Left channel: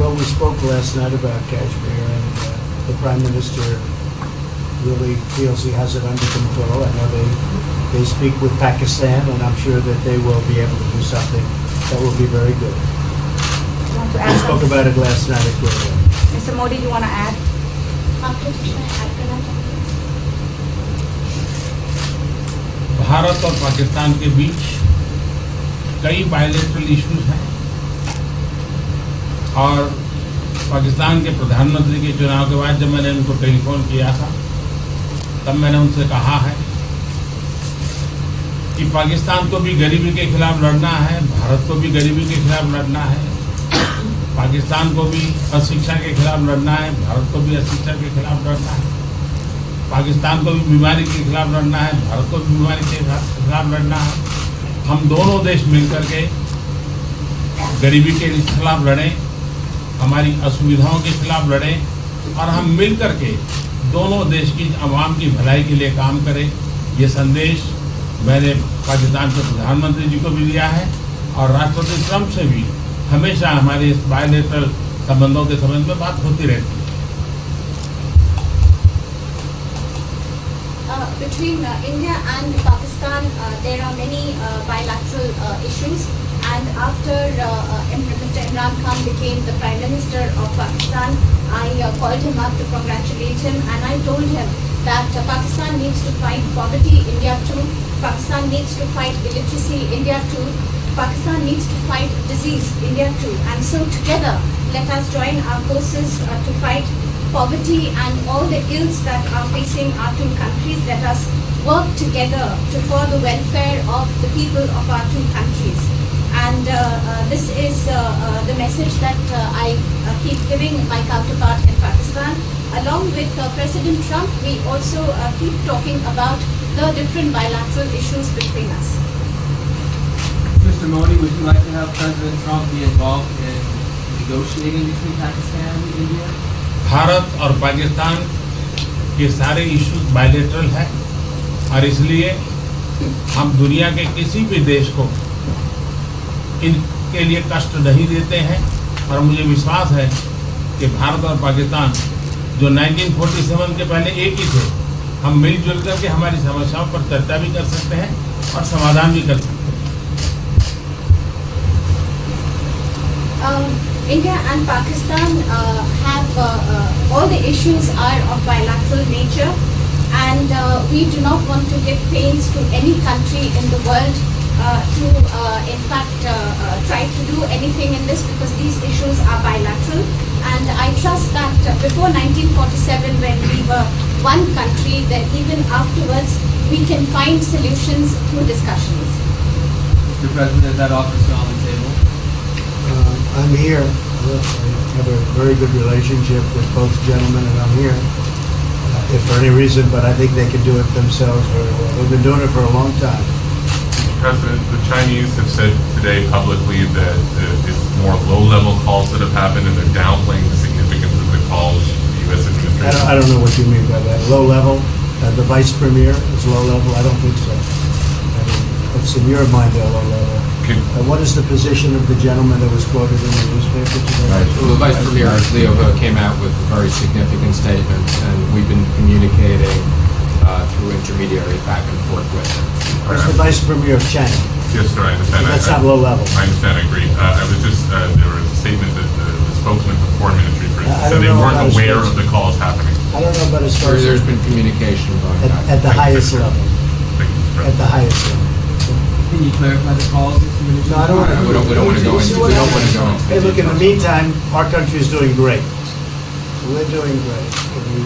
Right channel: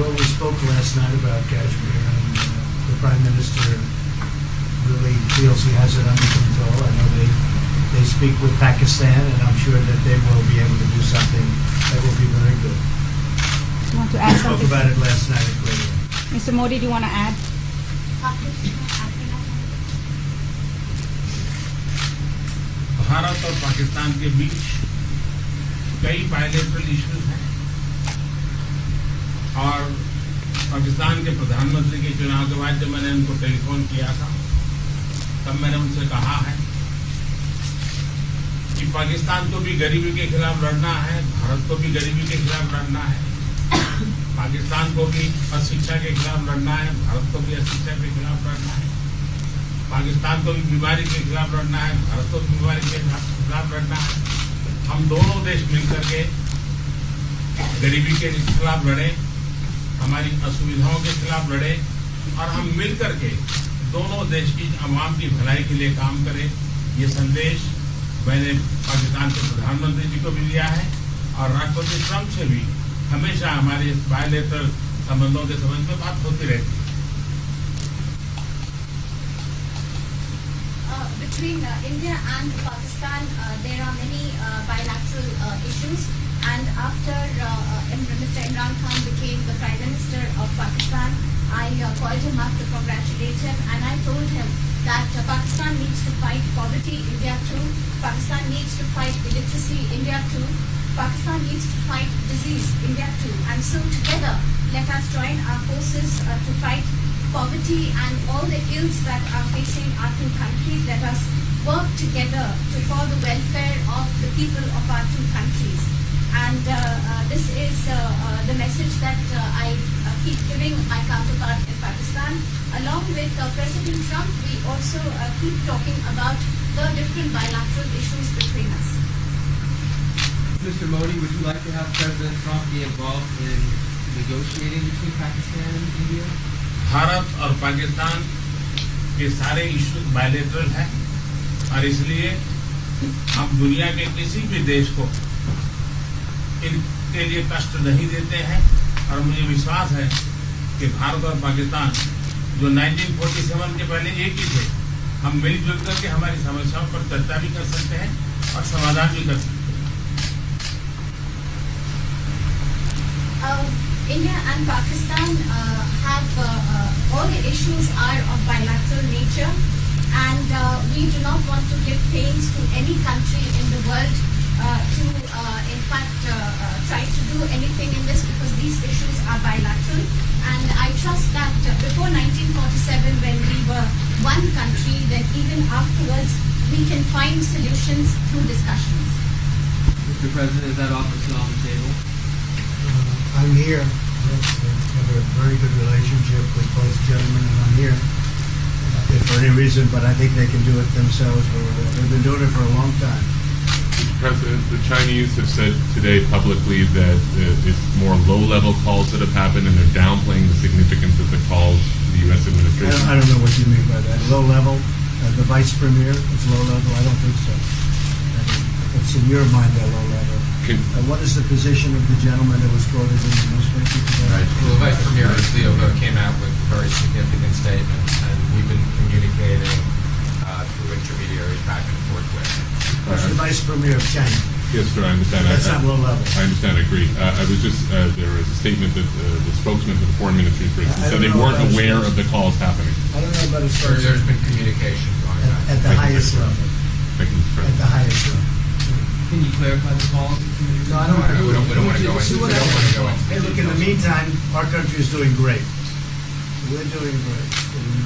Well, we spoke last night about Kashmir, and the Prime Minister really feels he has it under control. I know they speak with Pakistan, and I'm sure that they will be able to do something that will be very good. We spoke about it last night at Gurugram. Mr. Modi, do you want to add? Bharat और पाकिस्तान के बीच कई bilateral issues हैं और पाकिस्तान के प्रधानमंत्री के चुनाव के बाद जब मैंने उनको टेलीफोन किया था तब मैंने उनसे कहा है कि पाकिस्तान को भी गरीबी के खिलाफ लड़ना है, भारत को भी गरीबी के खिलाफ लड़ना है, पाकिस्तान को भी अशिक्षा के खिलाफ लड़ना है, भारत को भी अशिक्षा के खिलाफ लड़ना है, पाकिस्तान को भी बीमारी के खिलाफ लड़ना है, भारत को भी बीमारी के खिलाफ लड़ना है। हम दोनों देश मिलकर के गरीबी के खिलाफ लड़ें, हमारी असुविधाओं के खिलाफ लड़ें और हम मिलकर के दोनों देश की आवाम की भलाई के लिए काम करें। ये संदेश मैंने पाकिस्तान के प्रधानमंत्री जी को भी दिया है और राष्ट्रपति ट्रंप से भी हमेशा हमारे इस बायलैटरल संबंधों के संबंध में बात होती रहती है। Between India and Pakistan, there are many bilateral issues. And after Mr. Imran Khan became the Prime Minister of Pakistan, I called him up to congratulate him, and I told him that Pakistan needs to fight poverty, India too. Pakistan needs to fight illiteracy, India too. Pakistan needs to fight disease, India too. And so together, let us join our forces to fight poverty and all the ills that are facing our two countries. Let us work together for the welfare of the people of our two countries. And this is the message that I keep giving my counterpart in Pakistan. Along with President Trump, we also keep talking about the different bilateral issues between us. Mr. Modi, would you like to have President Trump be involved in negotiating between Pakistan and India? Bharat और पाकिस्तान के सारे issues bilateral हैं और इसलिए हम दुनिया के किसी भी देश को इनके लिए कष्ट नहीं देते हैं और मुझे विश्वास है कि भारत और पाकिस्तान जो 1947 के पहले एक ही थे, हम मिलजुल करके हमारी समस्याओं पर चर्चा भी कर सकते हैं और समाधान भी कर सकते हैं। India and Pakistan have all the issues are of bilateral nature, and we do not want to give pains to any country in the world to in fact try to do anything in this, because these issues are bilateral. And I trust that before 1947, when we were one country, that even afterwards we can find solutions through discussions. Mr. President, is that offer still on the table? I'm here. I have a very good relationship with both gentlemen, and I'm here if for any reason, but I think they can do it themselves very well. They've been doing it for a long time. President, the Chinese have said today publicly that it's more low-level calls that have happened, and they're downplaying the significance of the calls the U.S. administration. I don't know what you mean by that. Low level? The vice premier is low level? I don't think so. What's in your mind, they're low level? What is the position of the gentleman that was quoted in the newspaper today? Right. Well, the Vice Premier, Leo, came out with very significant statements, and we've been communicating through intermediaries back and forth with him. That's the Vice Premier of China. Yes, sir, I understand. That's not low level. I understand, I agree. I was just, there was a statement that the spokesman for the Foreign Ministry, for instance, said they weren't aware of the calls happening. I don't know about his There's been communication by at the highest level. Thank you, Mr. At the highest level. Can you clarify the calls? No, I don't want to. We don't want to go into. We don't want to go into. Hey, look, in the meantime, our country is doing great. We're doing great.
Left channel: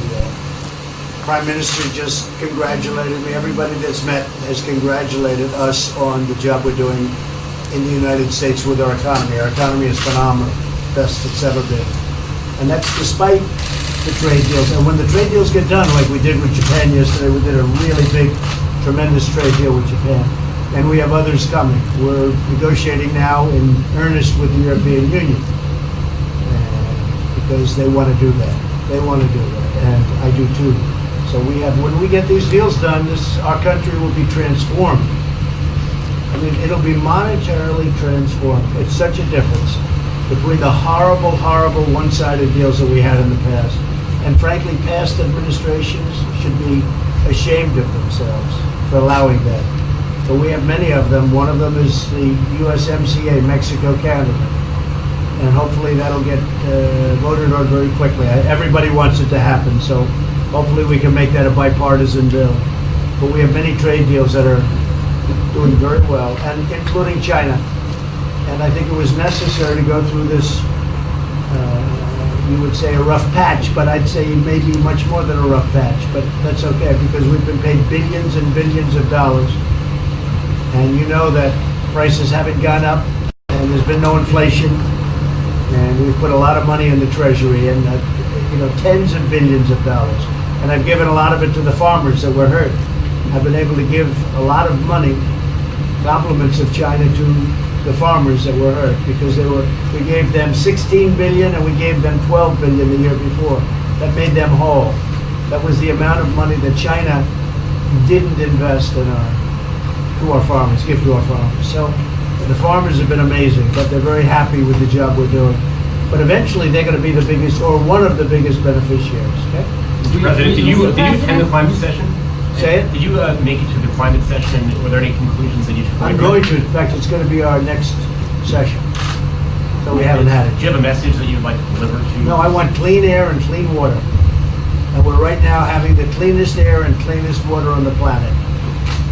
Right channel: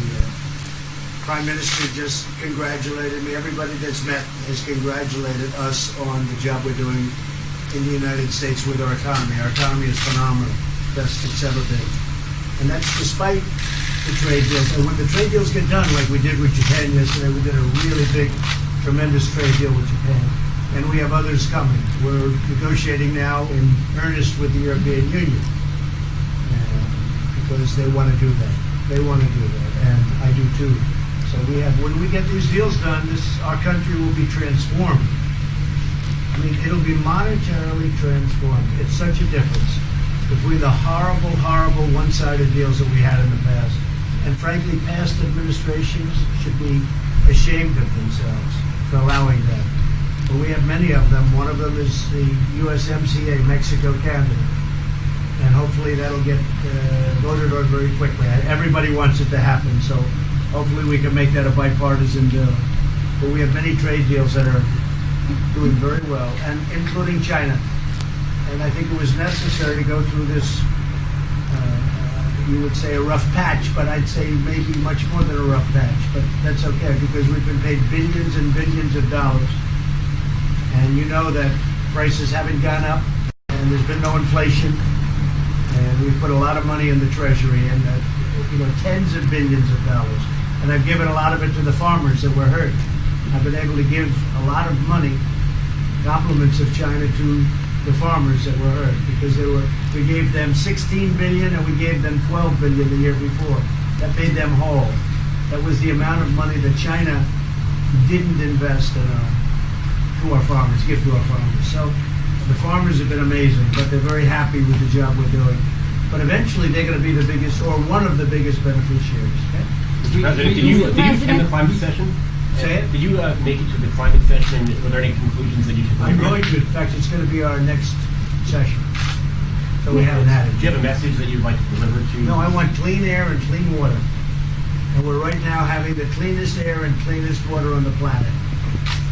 The Prime Minister just congratulated me. Everybody that's met has congratulated us on the job we're doing in the United States with our economy. Our economy is phenomenal, best it's ever been. And that's despite the trade deals. And when the trade deals get done, like we did with Japan yesterday, we did a really big, tremendous trade deal with Japan. And we have others coming. We're negotiating now in earnest with the European Union because they want to do that. They want to do that, and I do too. So we have. When we get these deals done, our country will be transformed. I mean, it'll be monetarily transformed. It's such a difference. between the horrible, horrible one-sided deals that we had in the past. And frankly, past administrations should be ashamed of themselves for allowing that. But we have many of them. One of them is the USMCA, Mexico-Canada. And hopefully that'll get voted on very quickly. Everybody wants it to happen, so hopefully we can make that a bipartisan bill. But we have many trade deals that are doing very well, and including China. And I think it was necessary to go through this, you would say a rough patch, but I'd say maybe much more than a rough patch. But that's okay, because we've been paid billions and billions of dollars. And you know that prices haven't gone up, and there's been no inflation. And we've put a lot of money in the Treasury, and tens of billions of dollars. And I've given a lot of it to the farmers that were hurt. I've been able to give a lot of money, compliments of China, to the farmers that were hurt, because we gave them 16 billion and we gave them 12 billion the year before. That made them whole. That was the amount of money that China didn't invest in our farmers, give to our farmers. So the farmers have been amazing, but they're very happy with the job we're doing. But eventually they're going to be the biggest, or one of the biggest beneficiaries. Okay? Mr. President, did you attend the climate session? Say it? Did you make it to the climate session? Were there any conclusions that you took away I'm from going it? to. In fact, it's going to be our next session. So we haven't had it. Do you have a message that you'd like to deliver to? No, I want clean air and clean water. And we're right now having the cleanest air and cleanest water on the planet.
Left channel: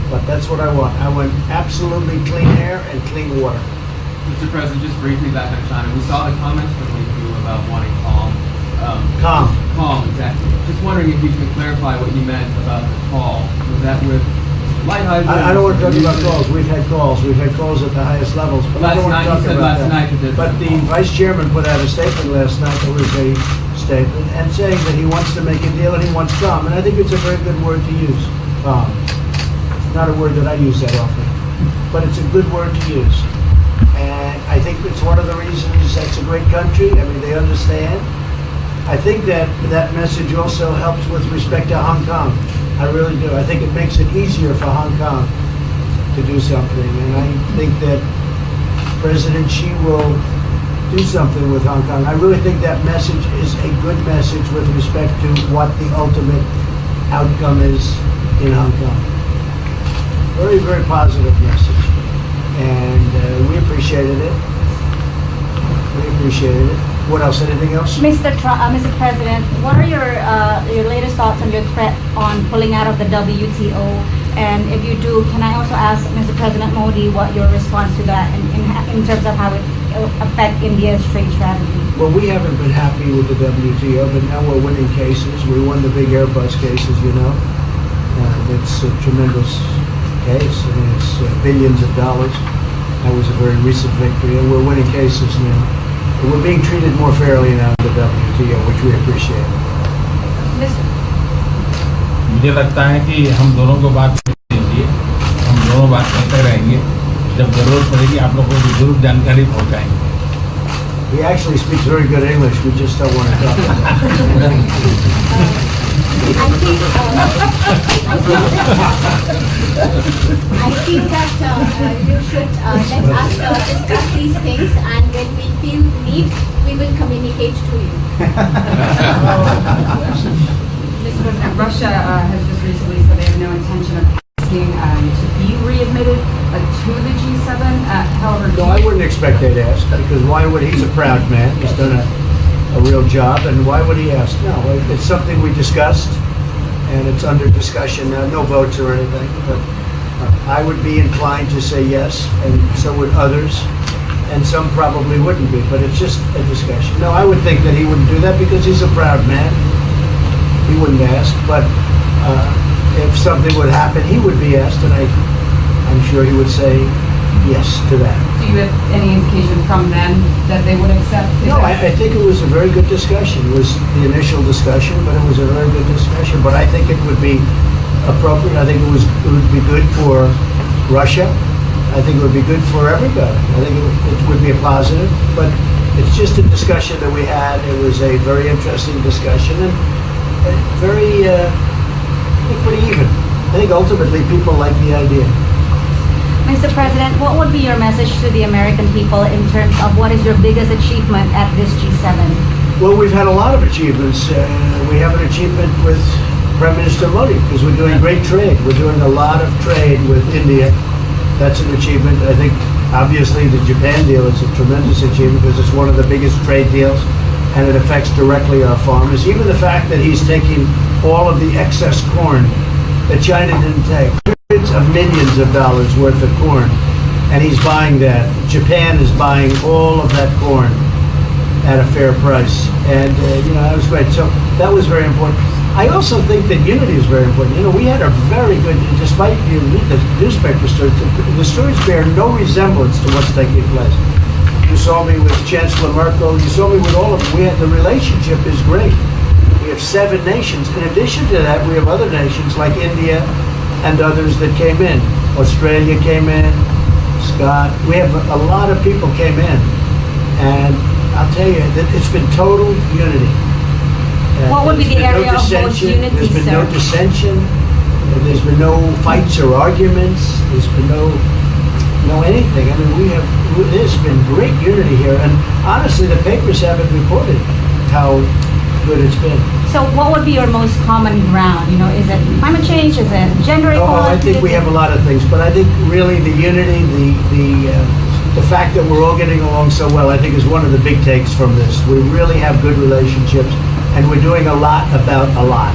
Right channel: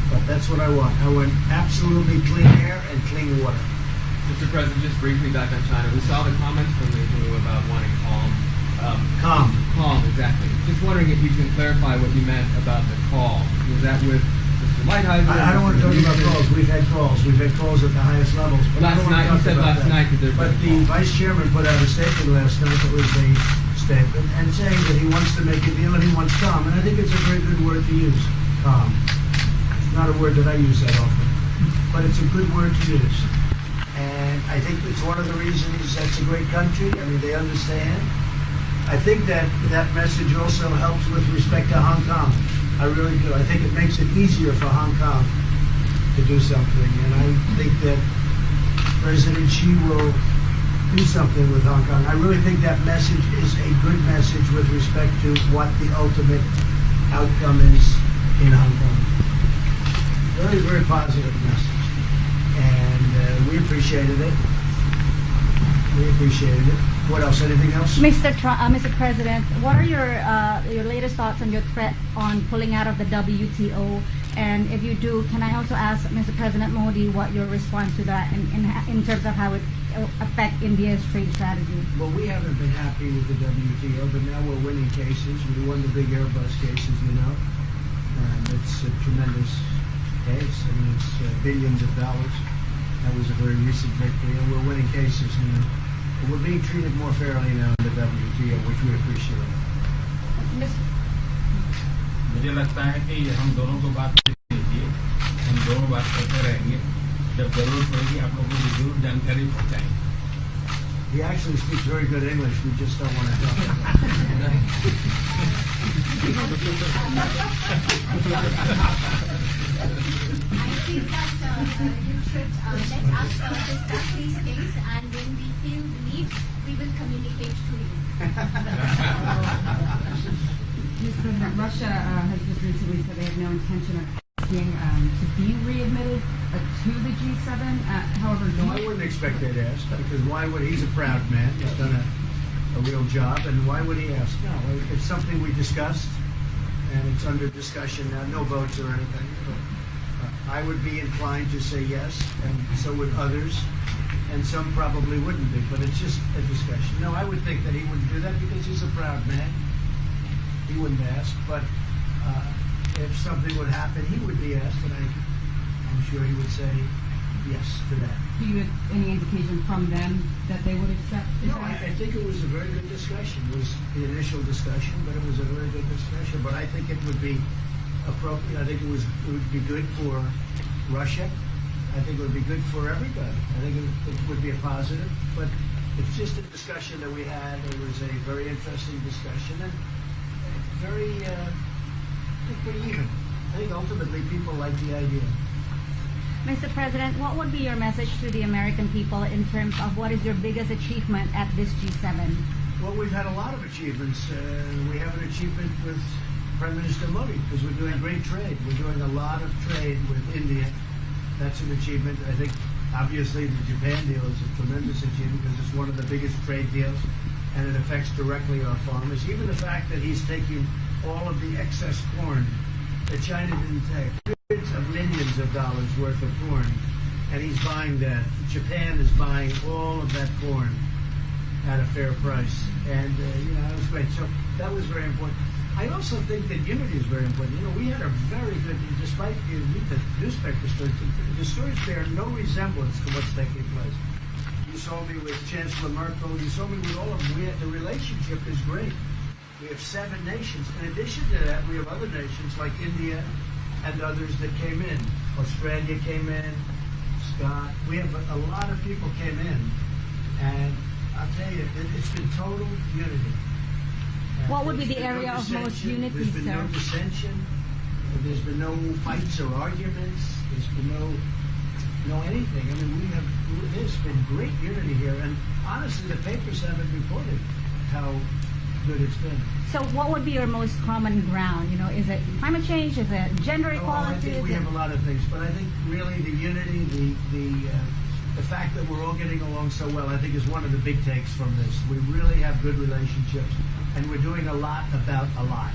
But that's what I want. I want absolutely clean air and clean water. Mr. President, just briefly back on China, we saw the comments from you about wanting calm. Calm. Calm, exactly. Just wondering if you could clarify what you meant about the call. Was that with light hydrogen? I don't want to talk about calls. We've had calls. We've had calls at the highest levels. But I don't want to talk about that. But the Vice Chairman put out a statement last night that was a statement and saying that he wants to make a deal and he wants calm. And I think it's a very good word to use, calm. It's not a word that I use that often, but it's a good word to use. And I think it's one of the reasons that's a great country. I mean, they understand. I think that message also helps with respect to Hong Kong. I really do. I think it makes it easier for Hong Kong to do something. And I think that President Xi will do something with Hong Kong. I really think that message is a good message with respect to what the ultimate outcome is in Hong Kong. Very, very positive message. And we appreciated it. We appreciated it. What else? Anything else? Mr. President, what are your latest thoughts on your threat on pulling out of the WTO? And if you do, can I also ask Mr. President Modi what your response to that in terms of how it will affect India's trade strategy? Well, we haven't been happy with the WTO, but now we're winning cases. We won the big Airbus cases, you know. It's a tremendous case. I mean, it's billions of dollars. That was a very recent victory, and we're winning cases now. We're being treated more fairly now in the WTO, which we appreciate. मुझे लगता है कि हम दोनों को बात कीजिए, हम दोनों बात करते रहेंगे. जब जरूरत पड़ेगी आप लोगों को जरूर जानकारी पहुंचाएंगे. He actually speaks very good English. We just don't want to talk about it. I think that you should let us discuss these things, and when we feel the need, we will communicate to you. Mr. President, Russia has just recently said they have no intention of asking to be readmitted to the G7. However, No, I wouldn't expect they'd ask, because why would he's a proud man. He's done a real job, and why would he ask? No, it's something we discussed, and it's under discussion now. No votes or anything, but I would be inclined to say yes, and so would others, and some probably wouldn't be, but it's just a discussion. No, I would think that he wouldn't do that because he's a proud man. He wouldn't ask, but if something would happen, he would be asked, and I'm sure he would say yes to that. do you have any indication from them that they would accept? No, I think it was a very good discussion. It was the initial discussion, but it was a very good discussion. But I think it would be appropriate. I think it would be good for Russia. I think it would be good for everybody. I think it would be a positive. But it's just a discussion that we had. It was a very interesting discussion and very, pretty even. I think ultimately people like the idea. Mr. President, what would be your message to the American people in terms of what is your biggest achievement at this G7? Well, we've had a lot of achievements. We have an achievement with Prime Minister Modi because we're doing great trade. We're doing a lot of trade with India. That's an achievement. I think, obviously, the Japan deal is a tremendous achievement because it's one of the biggest trade deals and it affects directly our farmers. Even the fact that he's taking all of the excess corn that China didn't take, hundreds of millions of dollars worth of corn, and he's buying that. Japan is buying all of that corn at a fair price. And, that was great. So that was very important. I also think that unity is very important. We had a very good, despite you read the newspaper stories, the stories bear no resemblance to what's taking place. You saw me with Chancellor Merkel. You saw me with all of them. The relationship is great. We have 7 nations. In addition to that, we have other nations like India and others that came in. Australia came in, Scott. We have a lot of people came in. And I'll tell you that it's been total unity. What would be the area of most dissension. unity, There's been no sir? dissension. There's been no fights or arguments. There's been no anything. I mean, there's been great unity here. And honestly, the papers haven't reported how good it's been. So what would be your most common ground? Is it climate change? Is it gender equality? I think we have a lot of things, but I think really the unity, the fact that we're all getting along so well, I think is one of the big takes from this. We really have good relationships, and we're doing a lot about a lot.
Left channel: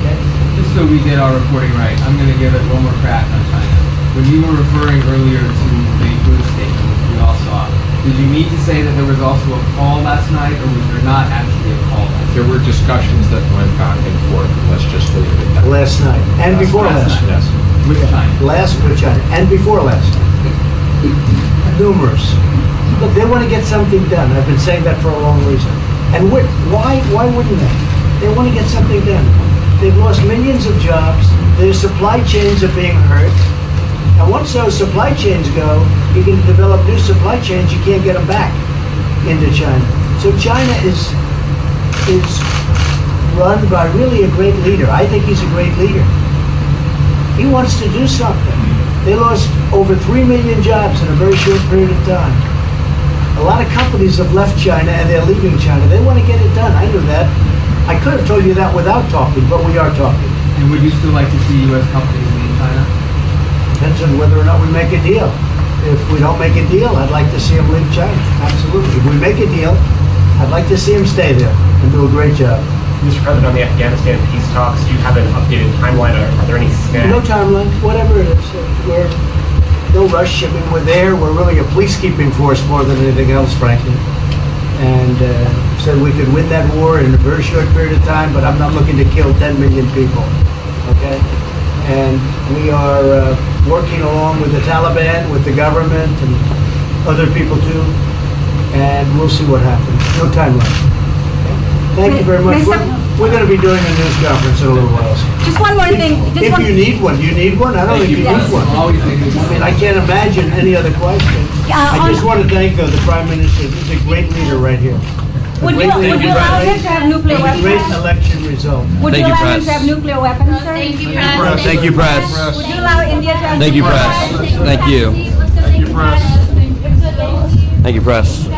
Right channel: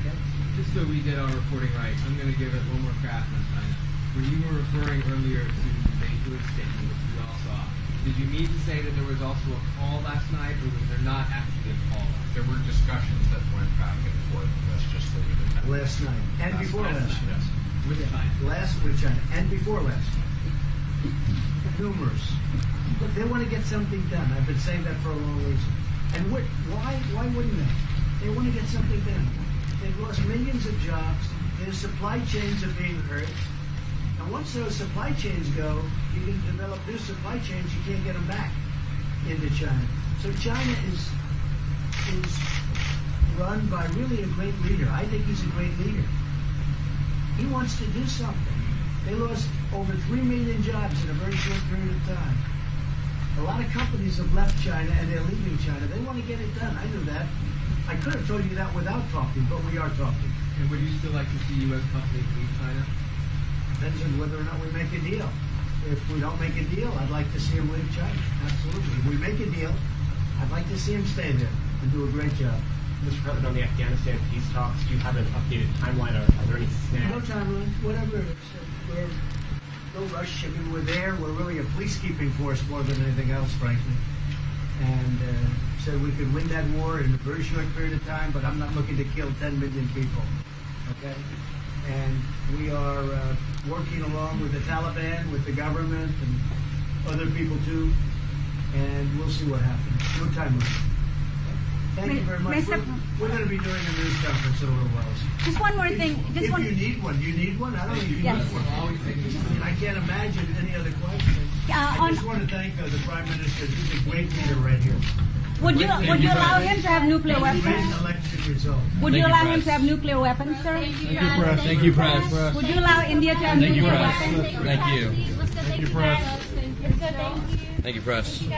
Okay? Just so we get our reporting right, I'm going to give it one more crack on China. When you were referring earlier to the Buddha statement, which we all saw, did you mean to say that there was also a call last night, or was there not actually a call last night? There were discussions that went back and forth. Let's just leave it at that. Last night, and before last night. Yes. With China. Last with China, and before last night. Numerous. Look, they want to get something done. I've been saying that for a long reason. And why wouldn't they? They want to get something done. They've lost millions of jobs. Their supply chains are being hurt. And once those supply chains go, you can develop new supply chains. You can't get them back into China. So China is run by really a great leader. I think he's a great leader. He wants to do something. They lost over 3 million jobs in a very short period of time. A lot of companies have left China and they're leaving China. They want to get it done. I knew that. I could have told you that without talking, but we are talking. And would you still like to see U.S. companies leave China? Depends on whether or not we make a deal. If we don't make a deal, I'd like to see them leave China. Absolutely. If we make a deal, I'd like to see them stay there and do a great job. Mr. President, on the Afghanistan peace talks, do you have an updated timeline? Are there any snags? No timeline, whatever it is. We're no rush. I mean, we're there. We're really a peacekeeping force more than anything else, frankly. And said we could win that war in a very short period of time, but I'm not looking to kill 10 million people. Okay? And we are working along with the Taliban, with the government, and other people too. And we'll see what happens. No timeline. Thank you very much. We're going to be doing a news conference in a little while. Just one more thing. If you need one, do you need one? I don't think you need one. Always thinking I mean, I can't imagine any other question. I just want to thank the Prime Minister. He's a great leader right here. Would you allow him to have nuclear Great weapons? election result. Would you allow him to have nuclear weapons, sir? Thank you, press. Thank you, press. Would you allow India to have Thank you, nuclear press. weapons? Thank you. Thank you, press. Thank you, press.